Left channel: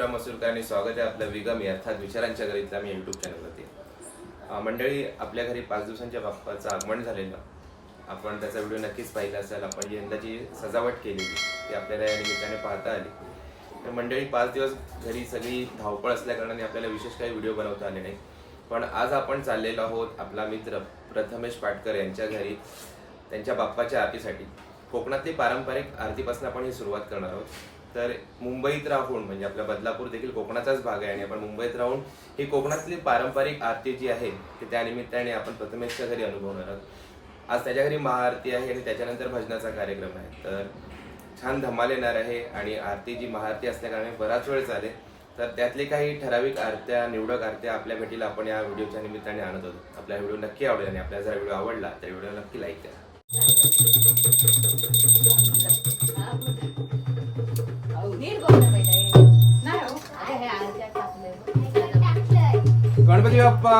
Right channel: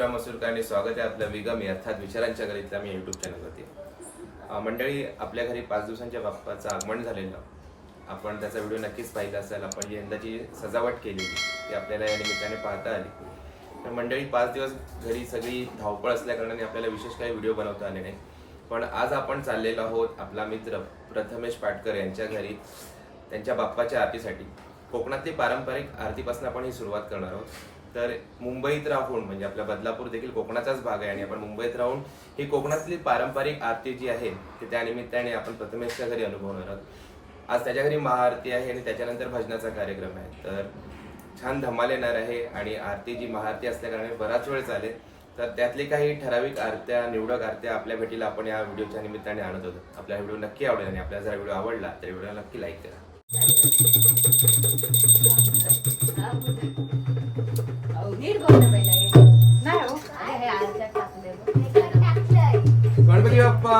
शिवराम मसूरकर आणि स्वागत आहे आपलं विगमी अर्थात विचारांच्या घरीतल्या मी यूट्यूब चॅनलवरती मंडळी आपल्या घरी पाच दिवसांच्या बाप्पाचं आगमन झालेलं. आपण त्याचा व्हिडिओ नक्कीच पाहिला असेल. आपण जी यंदाची सजावट केलेली ती आपल्याला या निमित्ताने पाहता आली. तर मंडळी पाच दिवस घरी सगळी धावपळ असल्याकारणाने आपल्याला विशेष काही व्हिडिओ बनवता आले नाही. पण आज आपण चाललेलो आहोत आपला मित्र प्रथमेश पाटकर यांच्या घरी त्यांच्या बाप्पाच्या आरतीसाठी. कोकणातली पारंपरिक आरतीपासून आपण ही सुरुवात करणार आहोत. तर मुंबईत राहून म्हणजे आपला बदलापूर देखील कोकणाचाच भाग आहे आणि आपण मुंबईत राहून ही कोकणातली पारंपरिक आरती जी आहे ती त्या निमित्ताने आपण प्रथमेशच्या घरी अनुभवणार आहोत. आज त्याच्या घरी महाआरती आहे आणि त्याच्यानंतर भजनाचा कार्यक्रम आहे. तर छान धमाल येणार आहे आणि आरती जी महाआरती असल्याकारणे बराच वेळ चालेल. तर त्यातली काही ठराविक आरत्या निवडक आरत्या आपल्या भेटीला आपण या व्हिडिओच्या निमित्ताने आणत होतो आपला व्हिडिओ नक्की आवडेल आणि आपल्याला जर व्हिडिओ आवडला तर व्हिडिओ नक्की लाईक करा. Ganpati Bappa!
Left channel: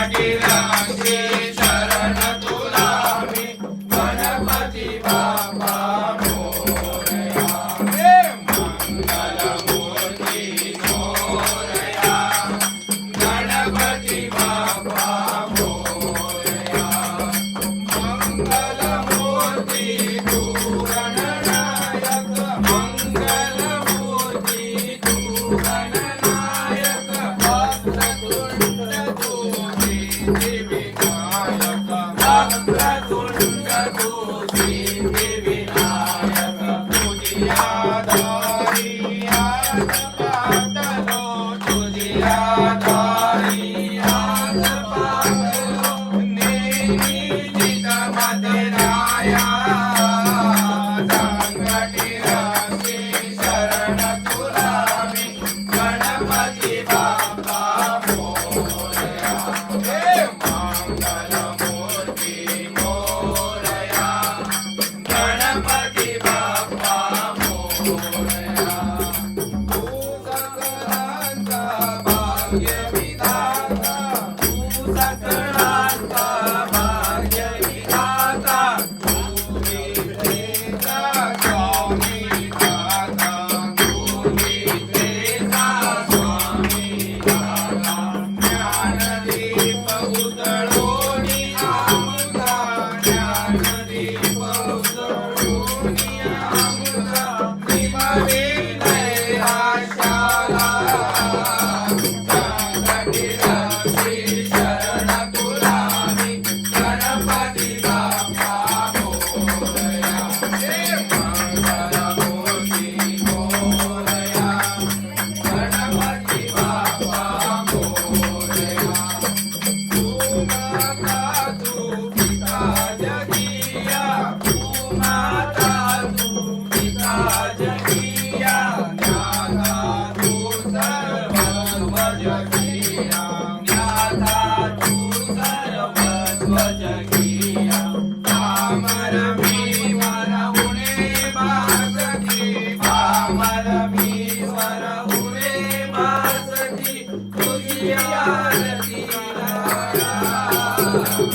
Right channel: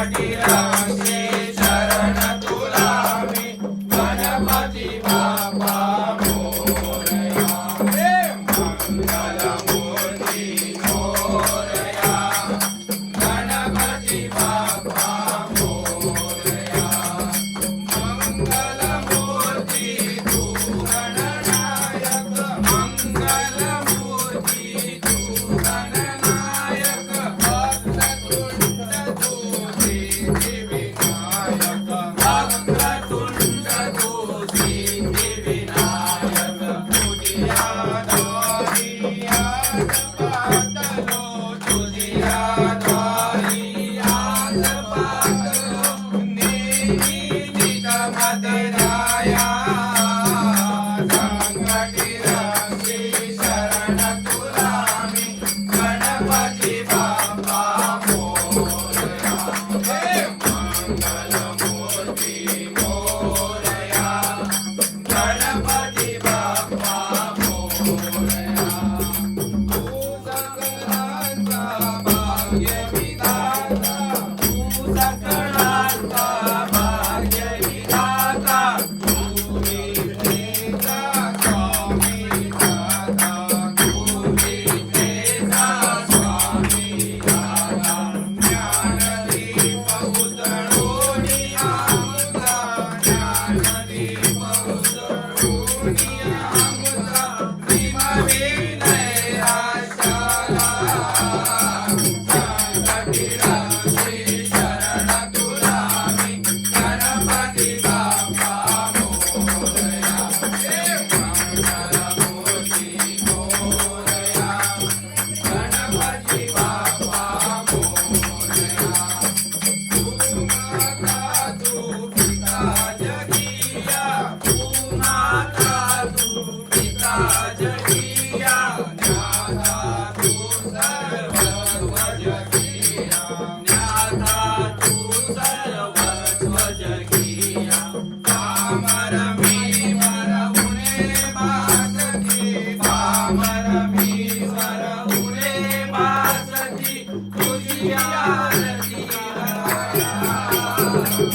Shakira, Shakira. Yeah.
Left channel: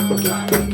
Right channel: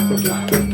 Obrigado.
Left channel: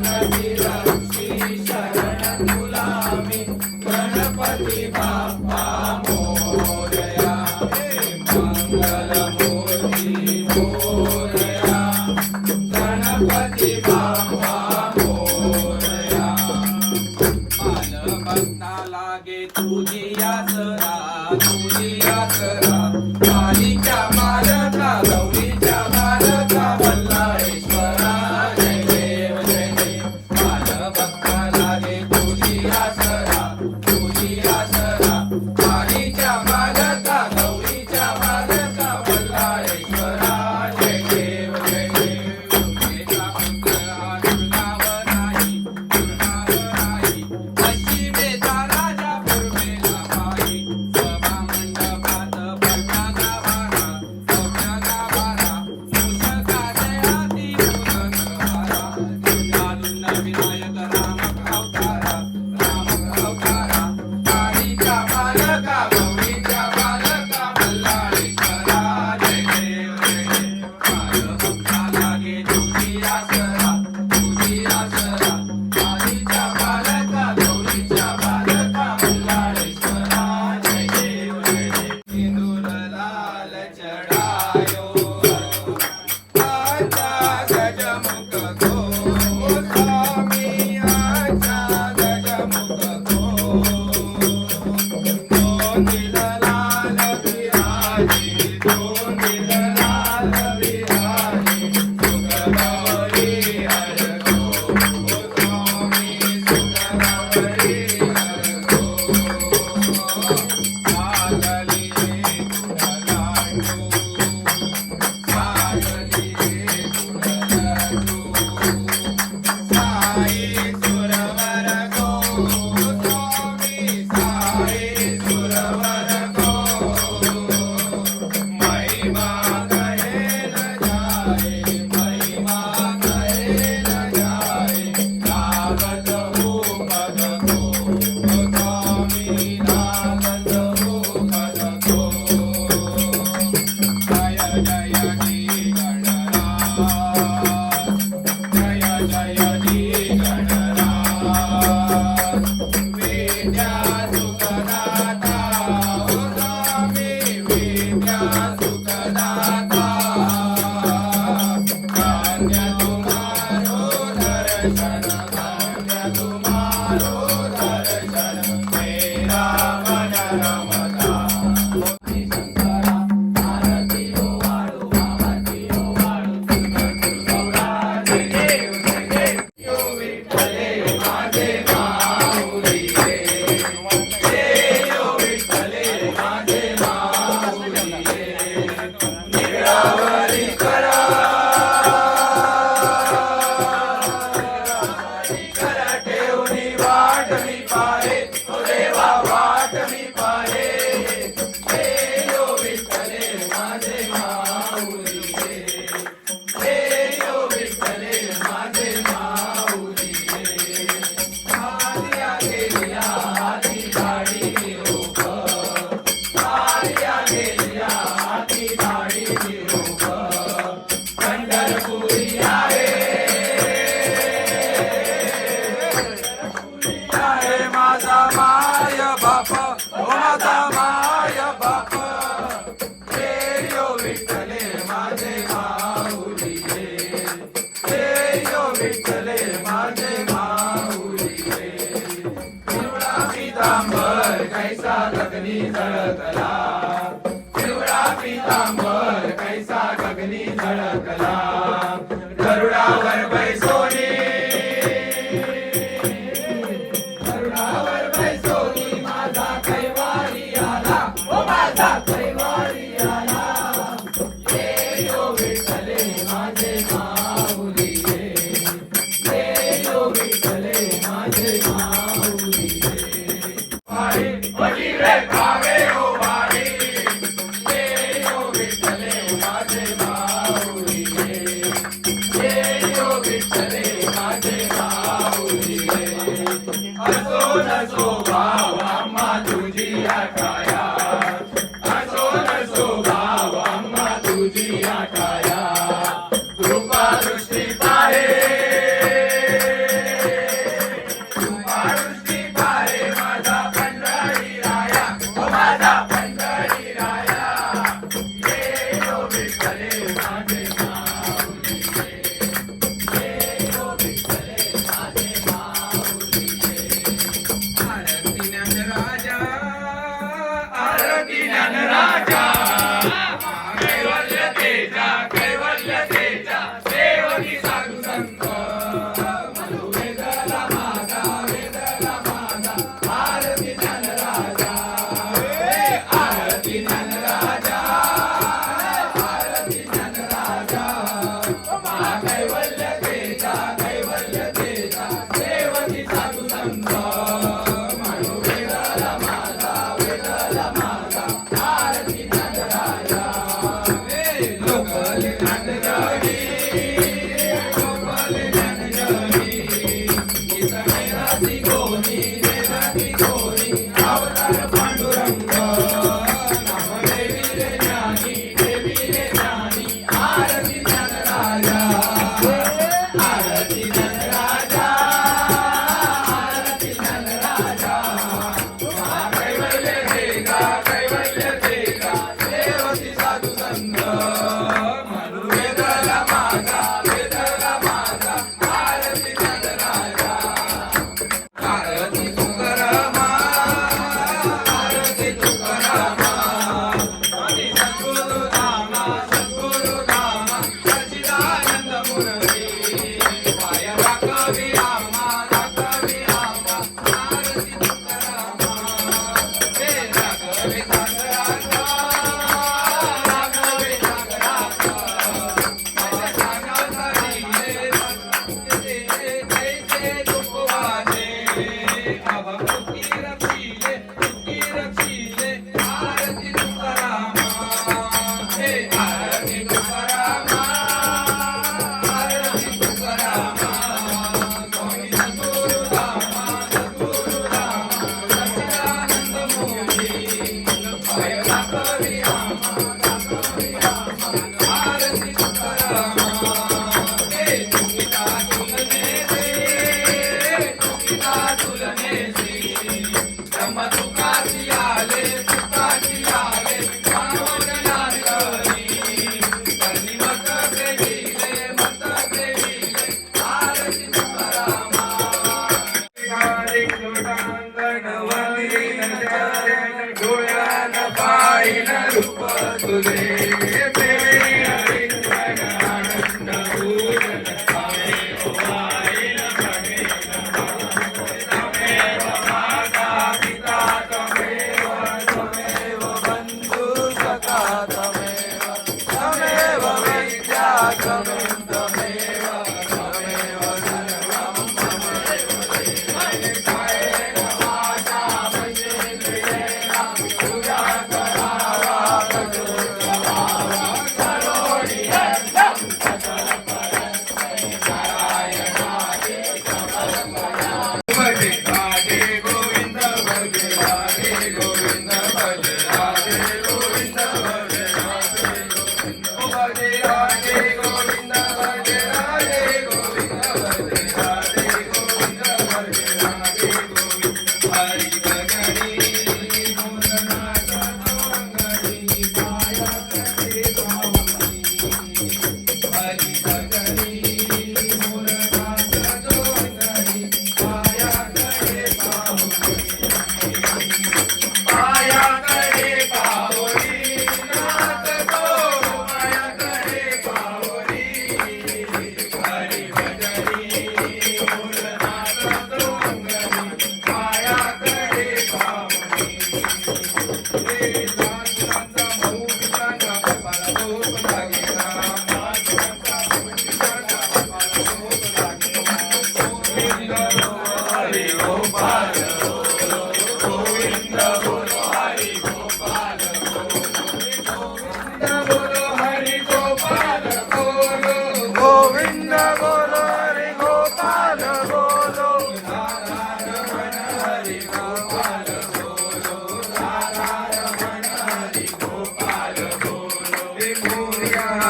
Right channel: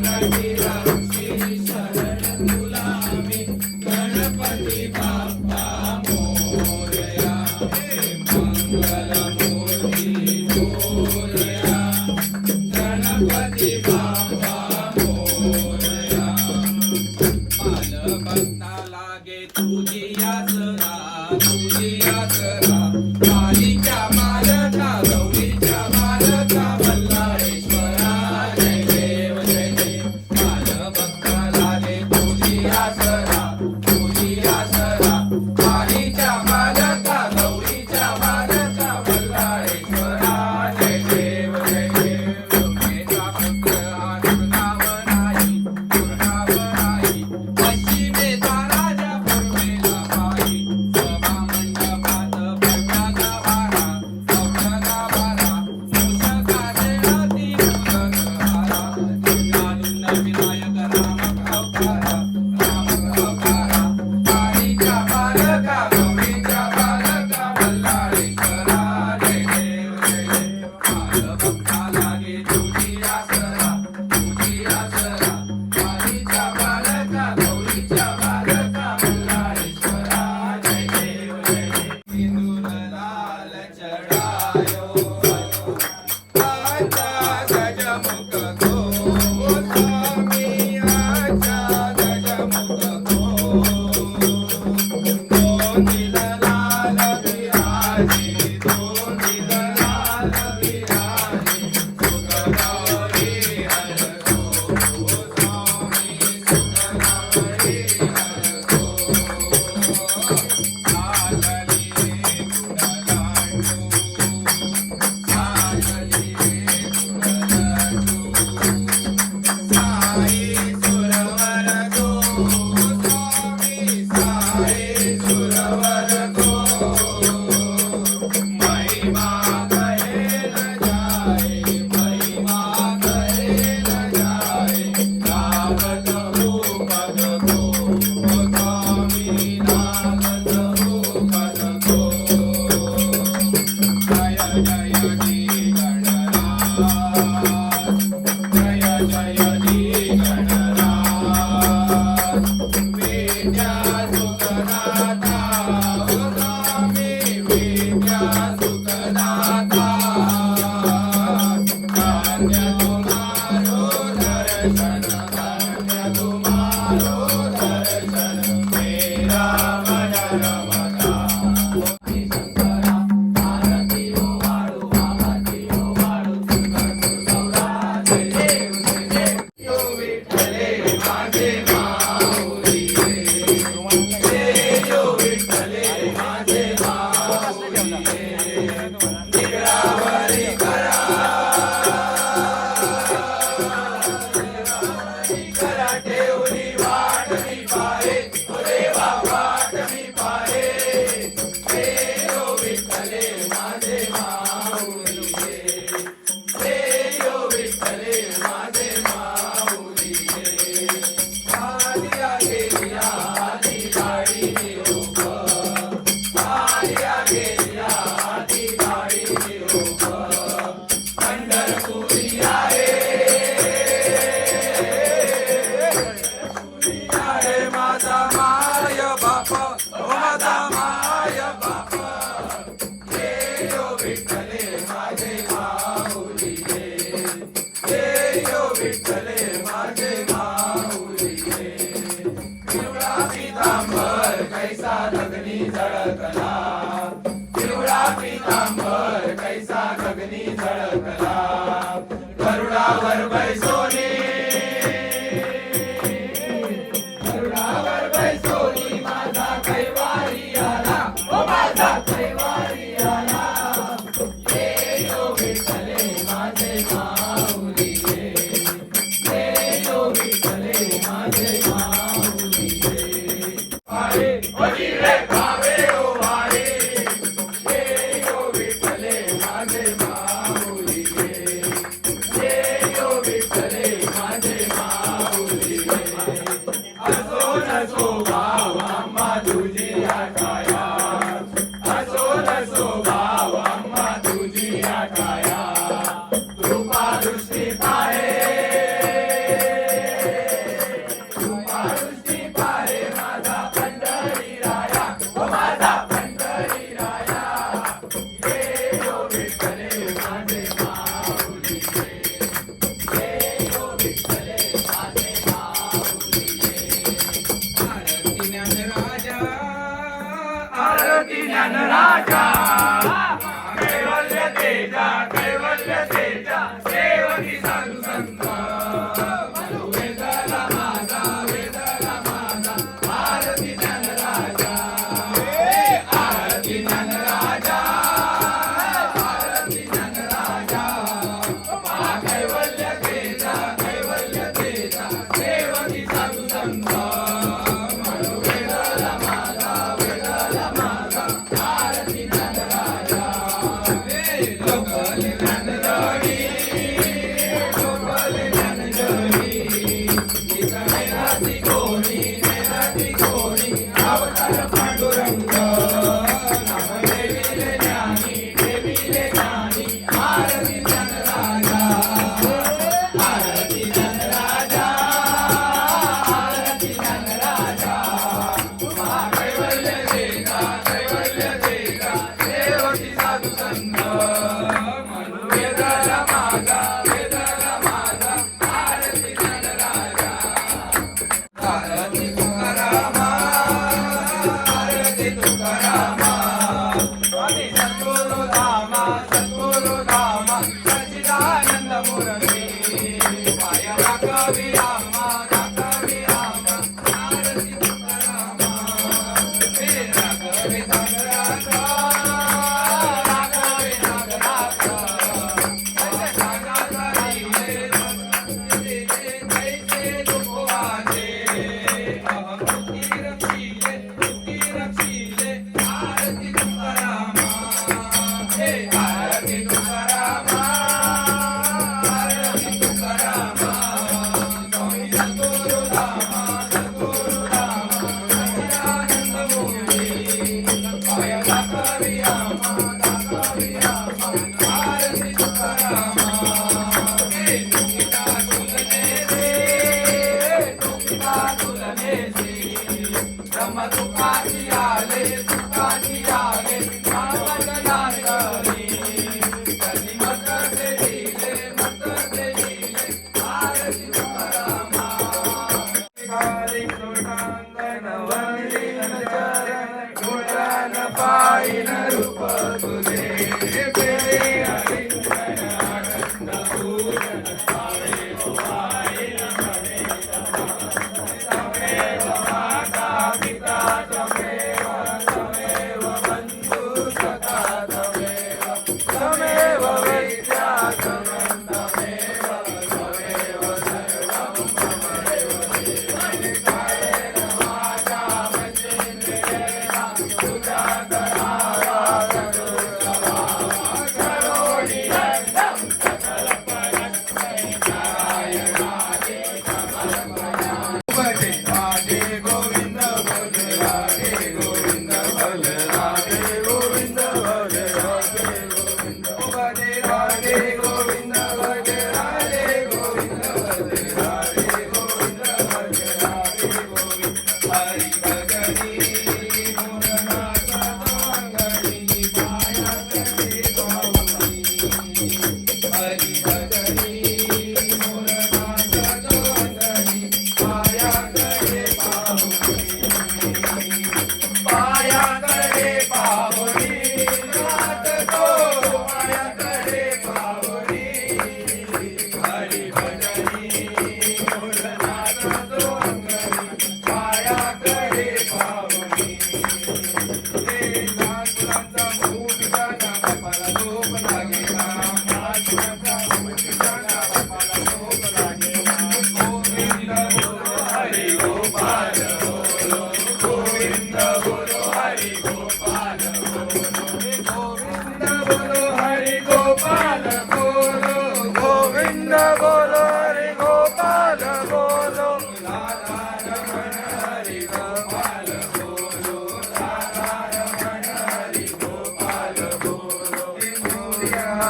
Thank you.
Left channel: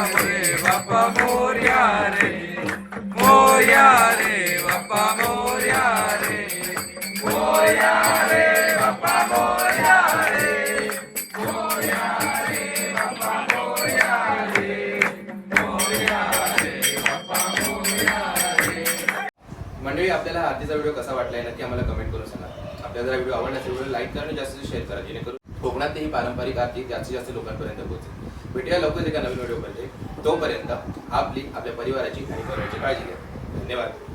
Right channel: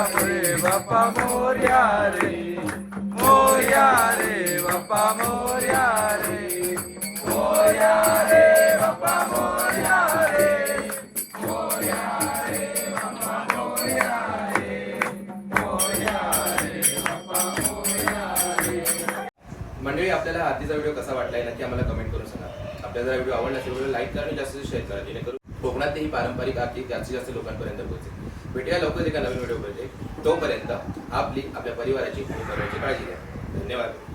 Bappa Morya रे मोर्या रे बापा मोर्या रे मोर्या रे बापा मोर्या रे मंडळी आपल्याला आधीचा व्हिडिओ कसा वाटला आहे नक्की आम्हाला कमेंट करून सांगा. आपल्याला जर व्हिडिओ आवडला असेल व्हिडिओ लाईक करा आणि जास्तीत जास्त शेअर करा जेणेकरून कोकणात ही पारंपरिक आरती जास्तीत जास्त लोकांपर्यंत पोहोचेल. भेटूया लवकर एका नवीन व्हिडिओमध्ये. तोपर्यंत आपली आपल्या परिवाराची आणि परिवाराची काळजी घ्या. धन्यवाद.